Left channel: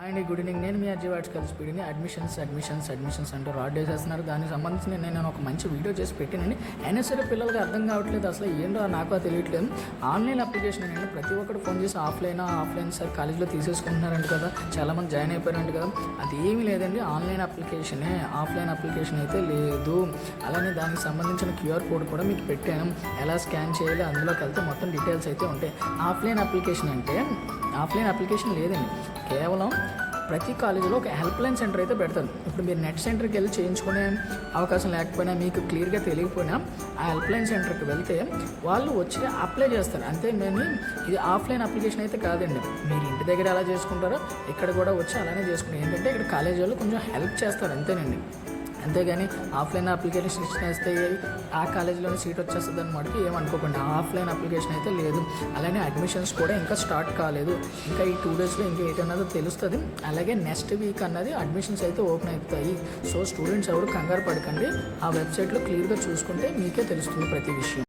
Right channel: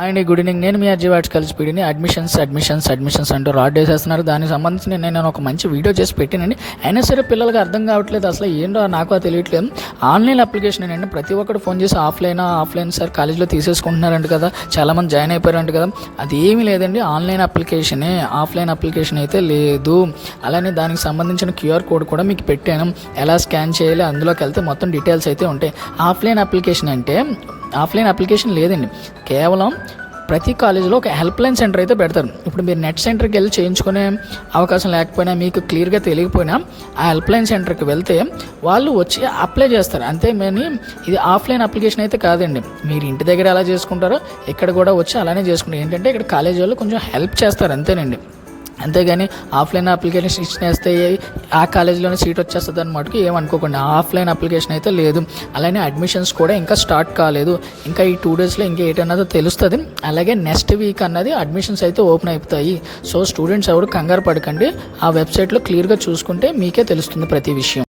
And good evening. నేను మీ అర్జీవాడ్స్ కలిసిపోయిని admissions అంటూ rod వేసేస్తున్నారు. దానికి సంబంధించి నేను ఒక మంచి వీడియో చేసి పెట్టానండి. అయినా సరే పిల్లలకి అర్థం కావట్లేదు, అసలు ఏంటో నాకు తెలియట్లేదు. ఆన్లైన్ అప్లికేషన్ ఏంటంటే ప్రతి ఒక్కరు ఫోన్ చేసి ఆఫ్లైన్ సార్ కాలేజ్లో తీసేసుకుంటున్నారంట కదా, చాలామంది జాయిన్ అయిపోయారంట కదా. అది ఏమీ లేదండి, ఆన్లైన్ అప్లికేషనే, ఆఫ్లైన్ అప్లికేషన్ అయితే లేదు. అలానే దానికి సంబంధించిన క్యూఆర్ కోడ్ కూడా మీకు పెట్టాను, ఎలా స్కాన్ చేయాలి అందులోకి వెళ్తే మొత్తం డీటెయిల్స్ అయితే ఉంటాయి. ఆఫ్లైన్ అప్లికేషన్ లేదండి, కేవలం ప్రతి కాలేజీలో ఒక హెల్ప్ లైన్ సెంటర్ అయితే పెడతారు. ఇప్పుడు మీరు నెట్ సెంటర్కి వెళ్ళి చేయించుకునే అవకాశం లేకపోయినా, మీకు క్లియర్గా తెలియకపోయినా ఆ హెల్ప్ లైన్ సెంటర్కి వెళ్తే వాళ్ళు వచ్చి అప్లై చేస్తారు అంతే. కానీ ఇది ఆఫ్లైన్ అప్లికేషన్ అయితే కాదండి. మీరు ఇంటి దగ్గర ఎలా చేసుకుంటారో ఇక్కడ కూడా వచ్చి అలానే చేసుకుంటారు. ఏంటంటే ఇక్కడ కాలేజీ వాళ్ళు కొంచెం హెల్ప్ చేస్తారు అంతేనండి. అంతేగాని ఆఫ్లైన్ అప్లికేషన్ ఇచ్చేస్తే ఆ కాలేజీలోనే సీట్ వచ్చేస్తుంది అన్నమాటకి ఏమనుకోకండి. ఆఫ్లైన్ అప్లికేషన్ అయితే లేదు. అలానే అడ్మిషన్స్ కూడా ఇంకా స్టార్ట్ కాలేదు. ఇంకా ఈ 2 డేస్లో ఇంకా ఏంటన్నదో తెలుస్తుంది. అలాగే నెక్స్ట్ వీక్ అన్నది అడ్మిషన్స్ అయితే ఓపెన్ అయిపోతాయి. సో స్టూడెంట్స్ ఎవరు కంగారు పడకండి, ఆ వెబ్సైట్లో క్లియర్గా చూసుకుంటే మీకే తెలుస్తుంది ప్రతి విషయం.